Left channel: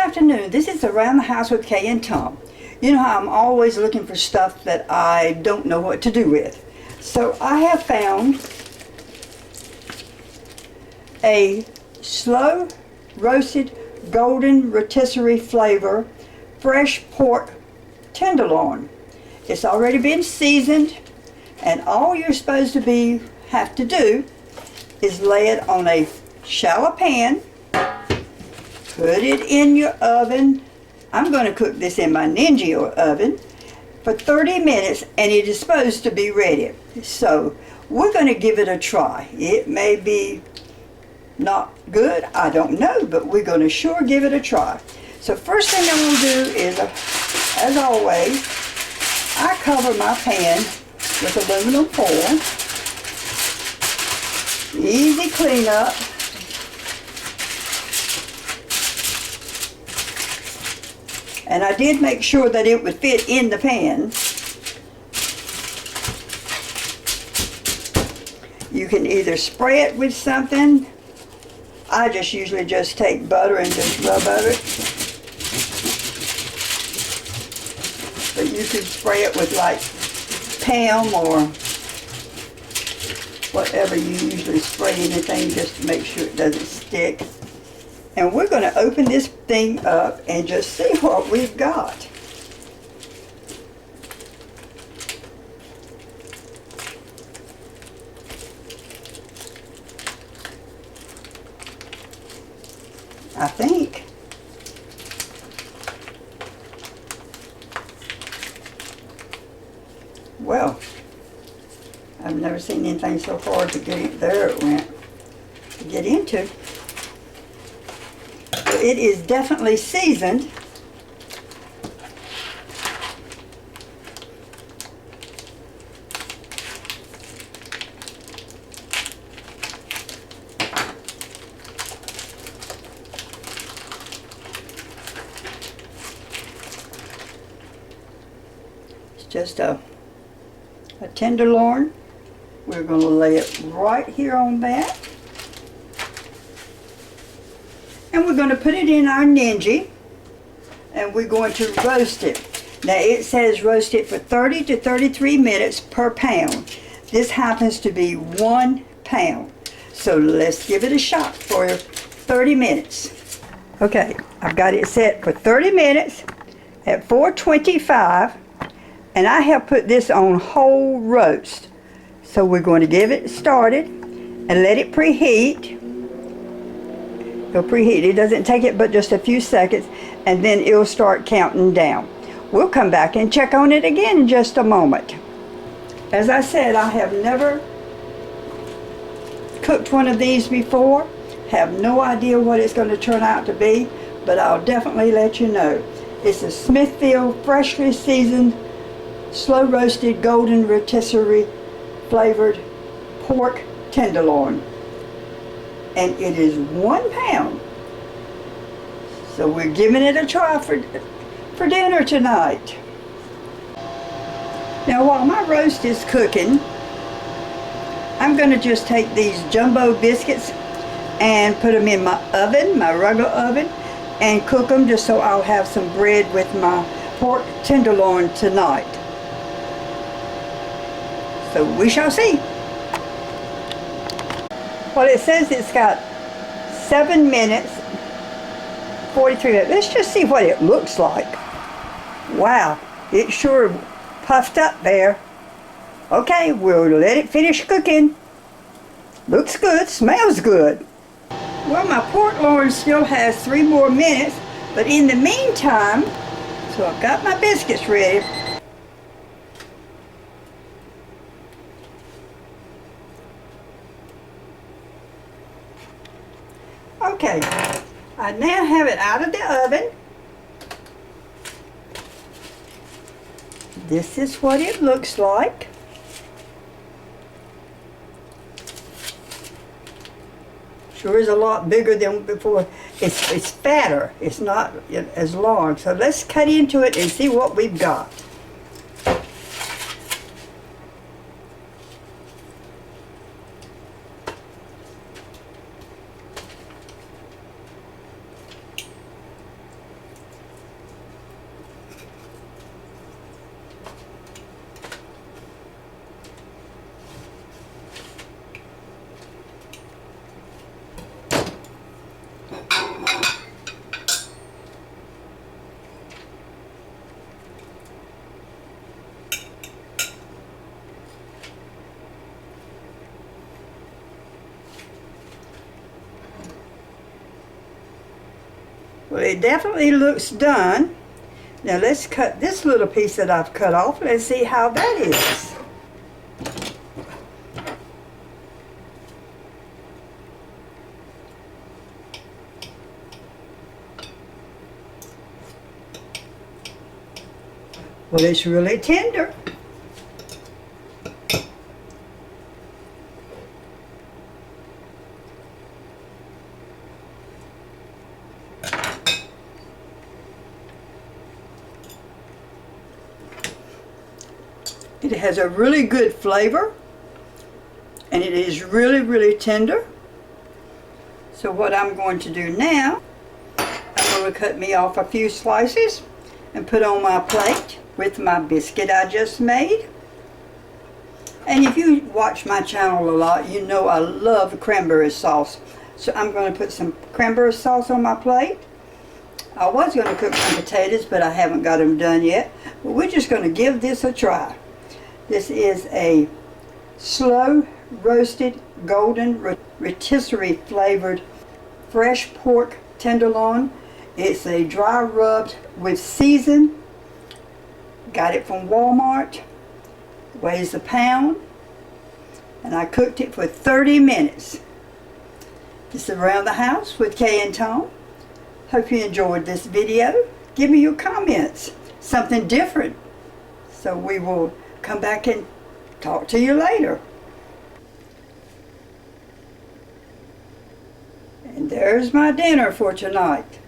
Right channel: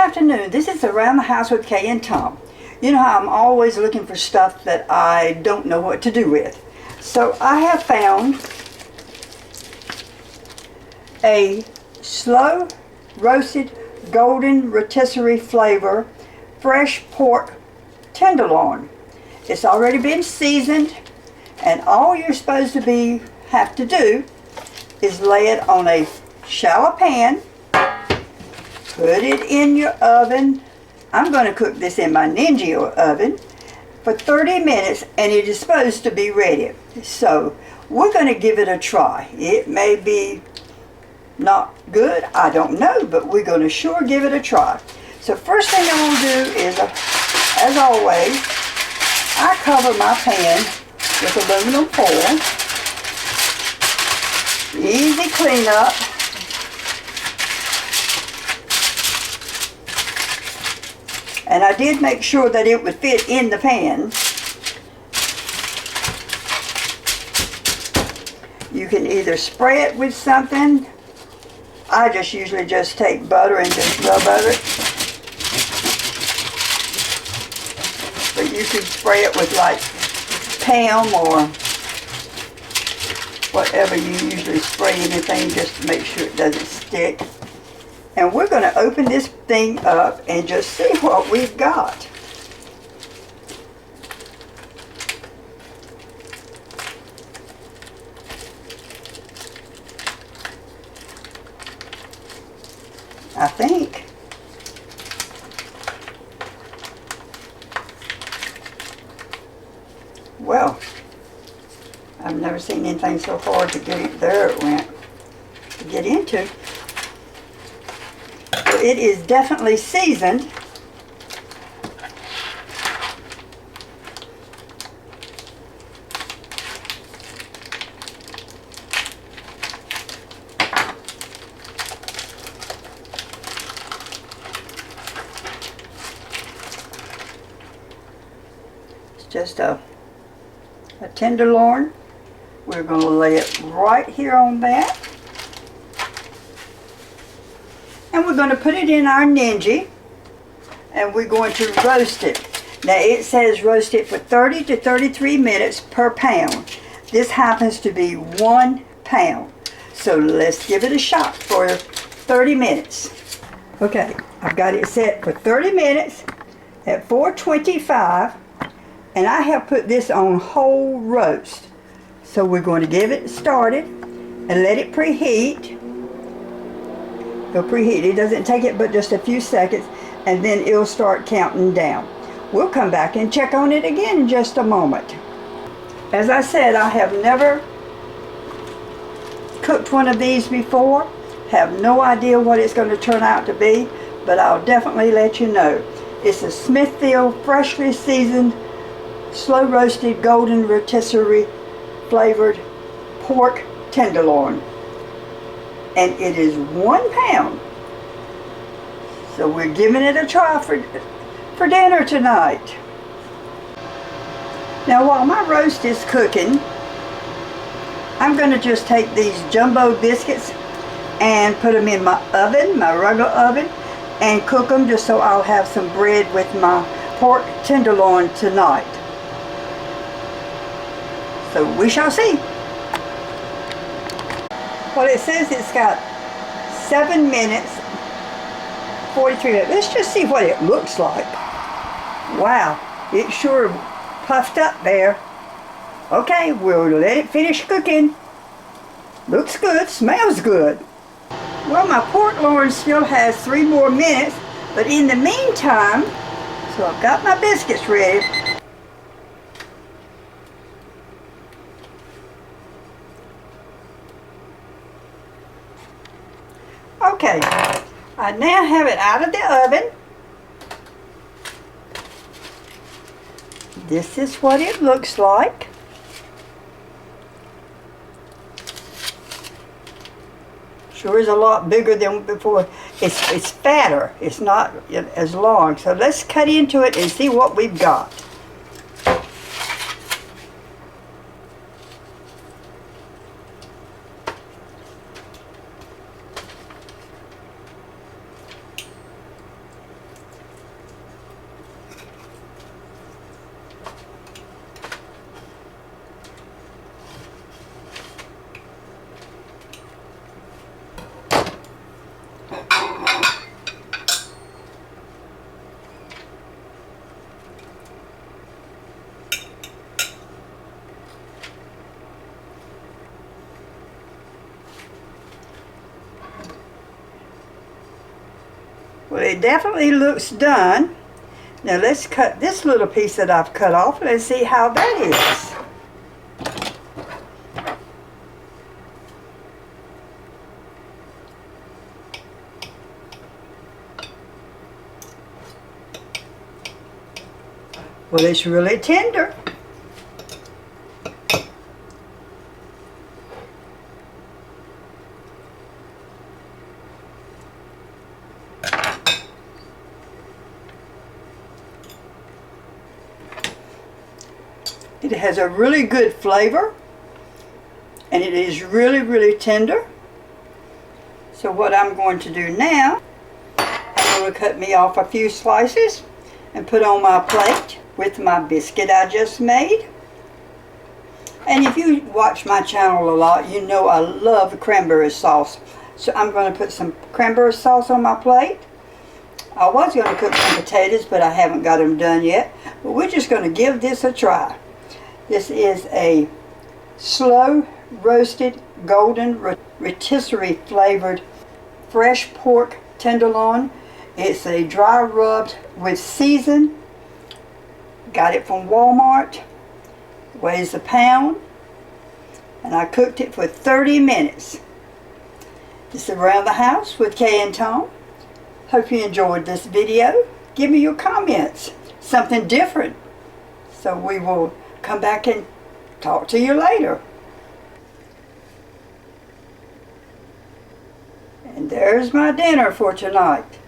afternoon. This is Around the House with Kay and Tom. You know how I'm always looking for stuff that I don't know what to do with. So I have found a slow roasted golden rotisserie flavor fresh pork tenderloin. It's already been seasoned, and all you're supposed to have to do is lay it on a shallow pan, put it in your oven. I'm going to cook this in my Ninja oven for 30 minutes, and it is supposed to be ready. So we're going to give it a try. It may be not good, I don't know, but we're going to sure give it a try. So first thing I'm going to do is, as always, I cover my pan with aluminum foil. Easy cleanup. And I did make sure that it would fit in the pan. You can either spray it with something. I just usually just take butter and just rub over it. But you could spray it with like Pam or whatever you usually spray anything, just to make sure it doesn't stick. And we're going to open this thing up and just see what we've got. I think. Well, I've never seen anything so hard to get it. There it went. To get into. So it is definitely seasoned. Just a tenderloin. We're going to lay it right here on that. And we're going to put it in our Ninja. And we're going to roast it. Now it says roast it for 30 to 33 minutes per pound. This happens to be 1 pound. So let's give it a shot for 30 minutes. Okay, I've got it set for 30 minutes at 425. And I have put this on whole roast. So we're going to give it started and let it preheat. It'll preheat. It doesn't take it but just a few seconds, and then it'll start counting down. We'll come back and check on it again in just a moment. As I said, I have never cooked one of these before. Have no idea what it's going to turn out to be, but I'll definitely let you know. It's a Smithfield freshly seasoned slow roasted golden rotisserie flavored pork tenderloin, and it is 1 pound. So we're giving it a try for dinner tonight. Now while my roast is cooking, I'm going to just take these jumbo biscuits and put them in my oven, my regular oven, and cook them just so I'll have some bread with my pork tenderloin tonight. So we shall see. Well, it says it's got 7 minutes, 43 minutes. Let's just see what it looks like. Wow, it sure puffed up there. Okay, we'll let it finish cooking. Looks good, smells good. Well, my pork loin still has 3 more minutes, but in the meantime, so I've got my biscuits ready. Okay, I now have it out of the oven. This is what it looks like. Sure is a lot bigger than before. It's fatter. It's not as long. So let's cut into it and see what we've got. Well, it definitely looks done. Now let's cut this little piece that I've cut off. Let's see how that is. Well, it's really tender. It has a really good flavor, and it is really, really tender. So what I'm going to do now, I'm going to cut me off a few slices and put on my plate with my biscuit I just made. And if you watch my channel a lot, you know I love cranberry sauce. So I'm going to put some cranberry sauce on my plate. I was going to cook some potatoes, but I haven't got them done yet. But we're just going to give this a try. This is a slow roasted golden rotisserie flavored fresh pork tenderloin. It's a dry rubbed with season. Got it from Walmart. Weighs a pound. And I cooked it for 30 minutes. This is Around the House with Kay and Tom. Hope you enjoyed this video. Give me your comments. Something different. So we will come back and talk to you later. And there's my dinner for tonight.